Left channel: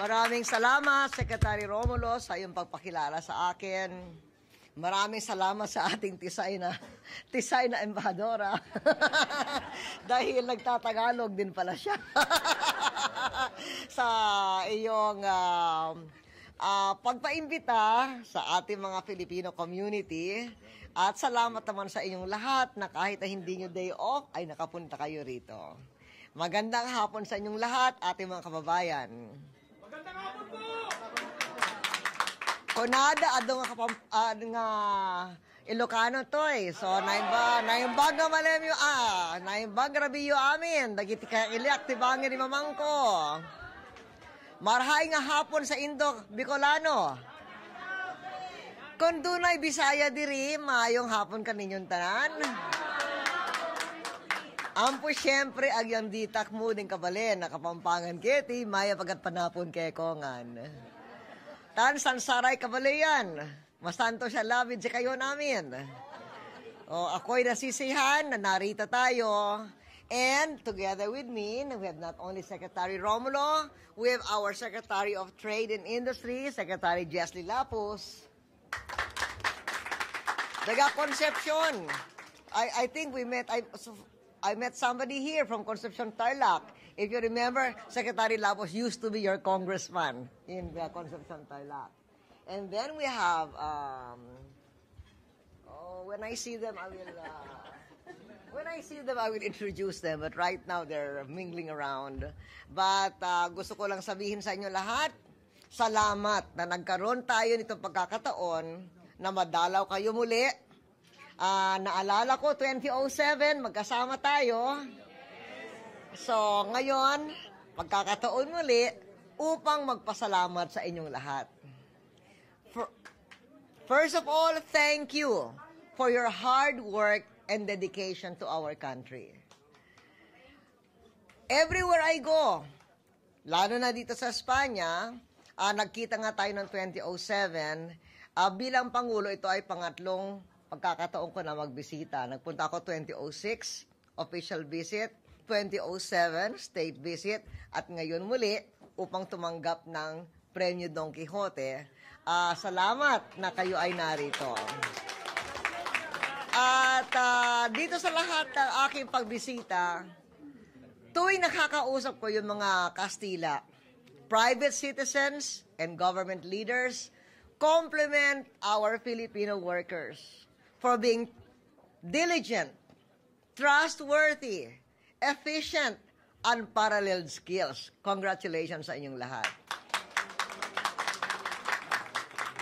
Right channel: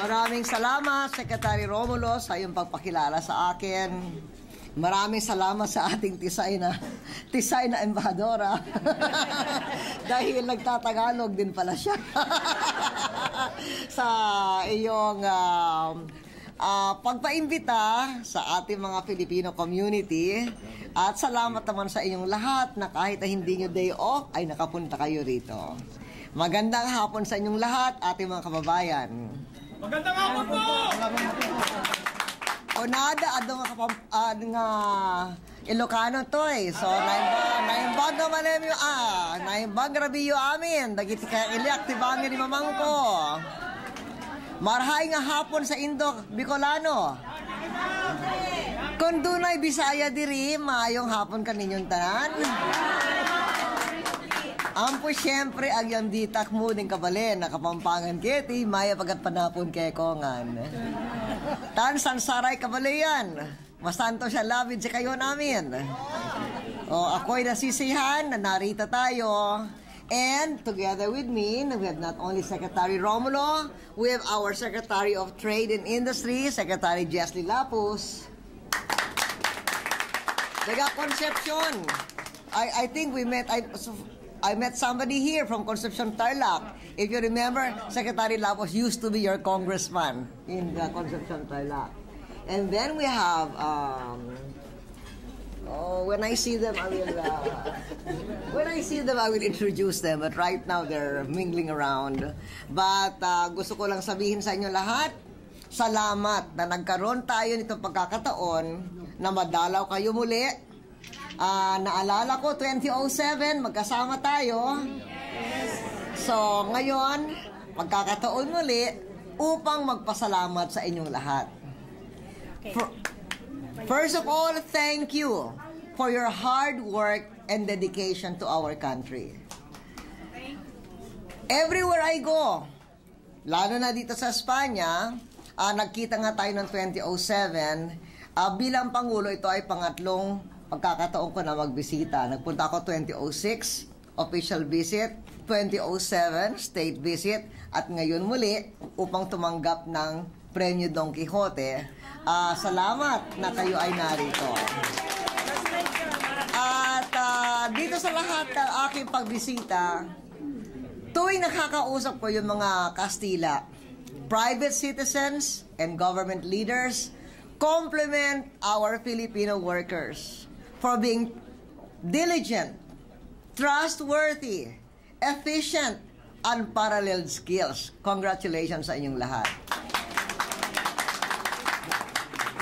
Maraming salamat, Secretary Romulo, sa iyong pagpakilala sa akin. Maraming salamat sa ating tisay na embahadora. Dahil nagtatagalog din pala siya. Sa iyong pagpaimbita sa ating mga Filipino community. At salamat naman sa inyong lahat na kahit na hindi nyo day off, ay nakapunta kayo rito. Magandang hapon sa inyong lahat, ating mga kababayan. Magandang hapon po! Kunada, nga Ilocano to eh. So, naimbag na malemyo, naimbag rabiyo amin. Dagiti kaya iliak, tibangin ni mamangko. Marhay nga hapon sa Indo, Bicolano. Kung dunay Bisaya diri, maayong hapon kaninyong tanan. Ampo siyempre, agyang ditak mo din kabalen, nakapampangan kiti, maya pagat panapon kay kongan. Tan sansaray kabalayan, masanto siya labid sa kayo namin. O, ako'y nasisihan na narito tayo. And together with me, we have not only Secretary Romulo, we have our Secretary of Trade and Industry, Secretary Jesly Lapus. Taga Concepcion. I think we met, I met somebody here from Concepcion, Tarlac. If you remember, Secretary Lapus used to be your congressman in Concepcion, Tarlac. And then we have, when I see them, I will introduce them. But right now, they're mingling around. But gusto ko lang sabihin sa inyo lahat, salamat na nagkaroon tayo nitong pagkakataon na madalaw kayo muli. Naalala ko, 2007, magkasama tayo. So, ngayon, pagkakataon muli upang magpasalamat sa inyong lahat. First of all, thank you for your hard work and dedication to our country. Everywhere I go, lalo na dito sa Espanya, nagkita nga tayo ng 2007, bilang Pangulo, ito ay pangatlong pagkakataon ko na magbisita. Nagpunta ako 2006, official visit, 2007, state visit, at ngayon muli upang tumanggap ng Premyo Don Quixote. Salamat na kayo ay narito. At dito sa lahat ng aking pagbisita, tuwing nakakausap ko yung mga Kastila, private citizens and government leaders, compliment our Filipino workers for being diligent, trustworthy, efficient, unparalleled skills. Congratulations sa inyong lahat.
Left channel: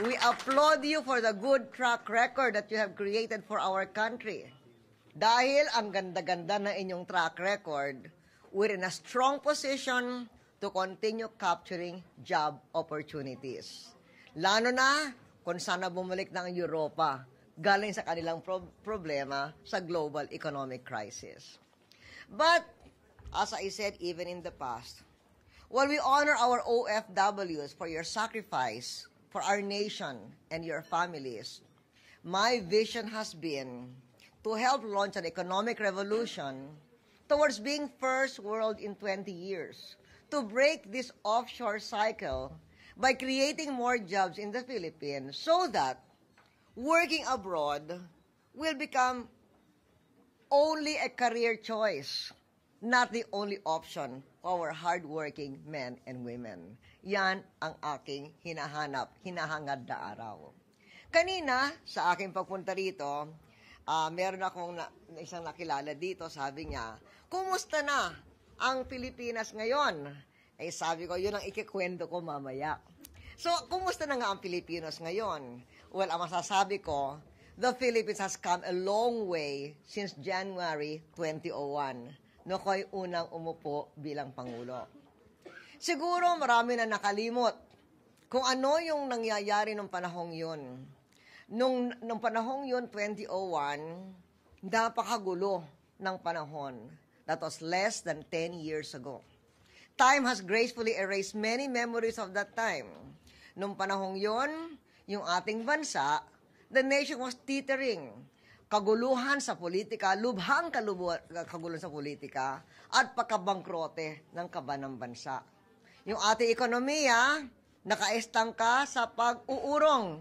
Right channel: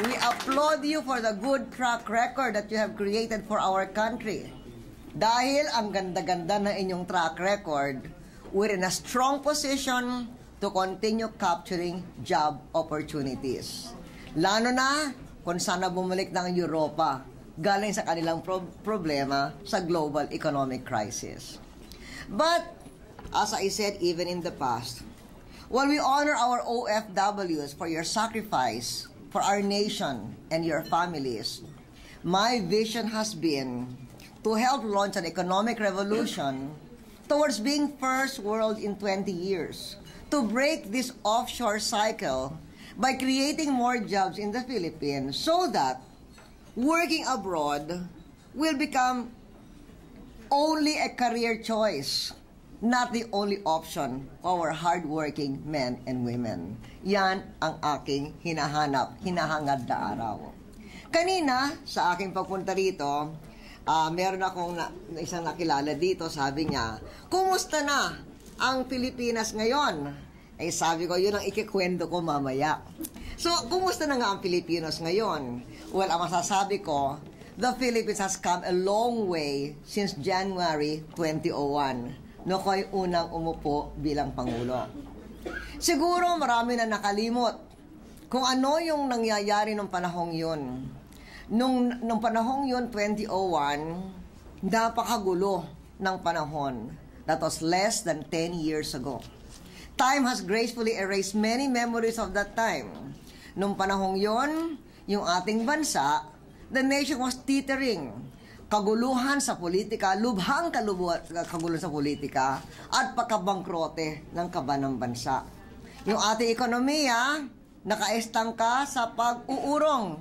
We applaud you for the good track record that you have created for our country. Dahil ang ganda-ganda na inyong track record, we're in a strong position to continue capturing job opportunities. Lalo na kung sana bumalik ng Europa, galing sa kanilang problema sa global economic crisis. But, as I said even in the past, while we honor our OFWs for your sacrifice for our nation and your families, my vision has been to help launch an economic revolution towards being first world in 20 years, to break this offshore cycle by creating more jobs in the Philippines so that working abroad will become only a career choice, not the only option for our hardworking men and women. Yan ang aking hinahangad na araw. Kanina, sa aking pagpunta rito, meron akong isang nakilala dito, sabi niya, kumusta na ang Pilipinas ngayon? Eh sabi ko, yun ang ikikwento ko mamaya. So, kumusta na nga ang Pilipinos ngayon? Well, ang masasabi ko, the Philippines has come a long way since January 2001, no ko'y unang umupo bilang Pangulo. Siguro marami na nakalimot kung ano yung nangyayari nung panahong yun. Nung panahong yun, 2001, napakagulo ng panahon. That was less than 10 years ago. Time has gracefully erased many memories of that time. Nung panahong yon, yung ating bansa, the nation was teetering. Kaguluhan sa politika, lubhang kaguluhan sa politika, at pagkabangkrote ng kaban ng bansa. Yung ating ekonomiya, nakaestangka sa pag-uurong.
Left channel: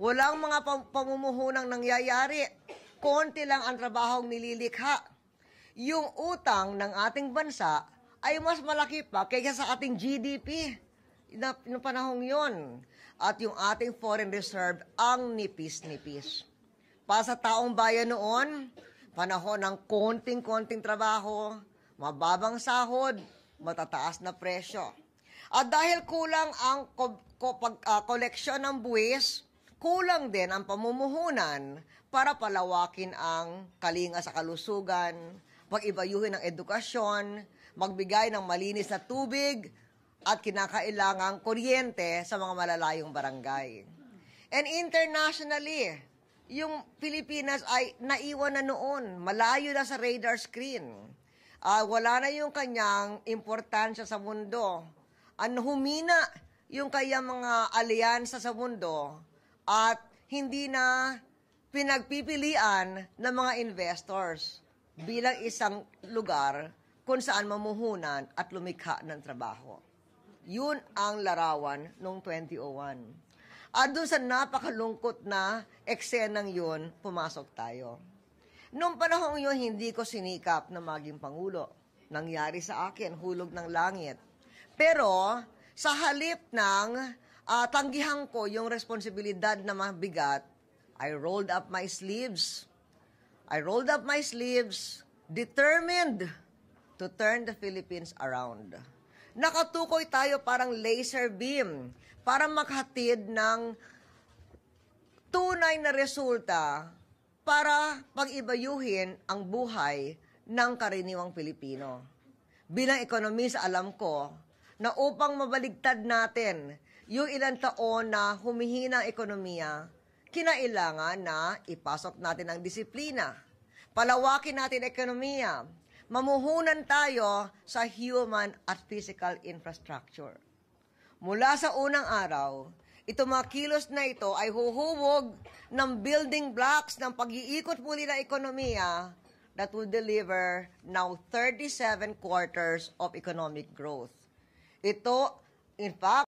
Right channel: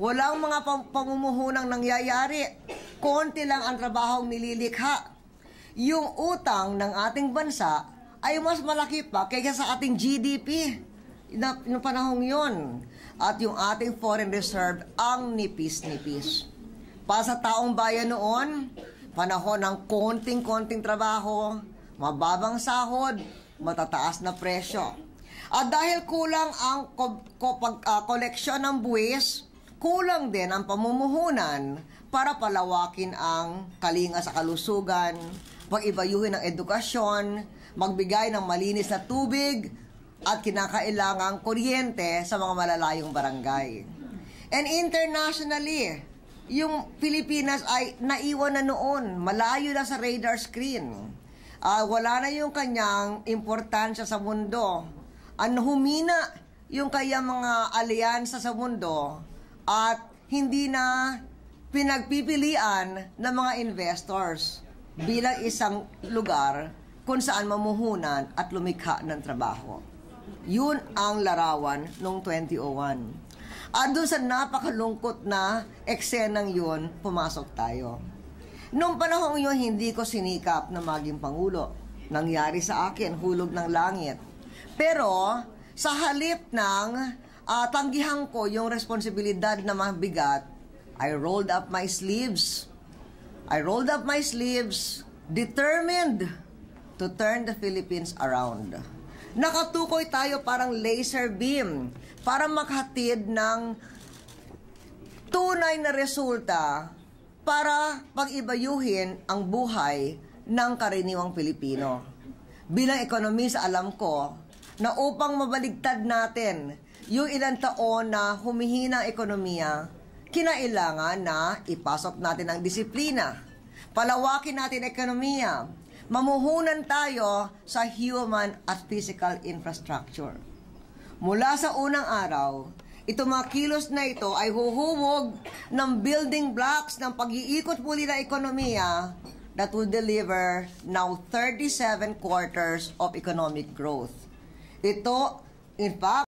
Walang mga pamumuhunang nangyayari. Konti lang ang trabahong nililikha. Yung utang ng ating bansa ay mas malaki pa kaysa sa ating GDP noong panahong yun. At yung ating foreign reserve ang nipis-nipis. Para sa taong bayan noon, panahon ng konting-konting trabaho, mababang sahod, matataas na presyo. At dahil kulang ang koleksyon ng buwis, kulang din ang pamumuhunan para palawakin ang kalinga sa kalusugan, pag-ibayuhin ng edukasyon, magbigay ng malinis na tubig, at kinakailangang kuryente sa mga malalayong barangay. And internationally, yung Pilipinas ay naiwan na noon, malayo na sa radar screen. Wala na yung kanyang importansya sa mundo. Humina yung kanyang mga alyansa sa mundo at hindi na pinagpipilian ng mga investors bilang isang lugar kung saan mamuhunan at lumikha ng trabaho. Yun ang larawan noong 2001. At doon sa napakalungkot na eksenang yun, pumasok tayo. Noong panahong yun, hindi ko sinikap na maging Pangulo. Nangyari sa akin, hulog ng langit. Pero, sa halip ng tanggihan ko yung responsibilidad na mabigat, I rolled up my sleeves. Determined to turn the Philippines around. Nakatukoy tayo parang laser beam para maghatid ng tunay na resulta para pag-ibayuhin ang buhay ng karaniwang Pilipino. Bilang ekonomista, alam ko na upang mabaligtad natin yung ilang taon na humihina ang ekonomiya, kinailangan na ipasok natin ang disiplina, palawakin natin ang ekonomiya, mamuhunan tayo sa human at physical infrastructure. Mula sa unang araw, itong mga kilos na ito ay huhuwog ng building blocks ng pag-iikot muli ng ekonomiya that will deliver now 37 quarters of economic growth. Ito, in fact,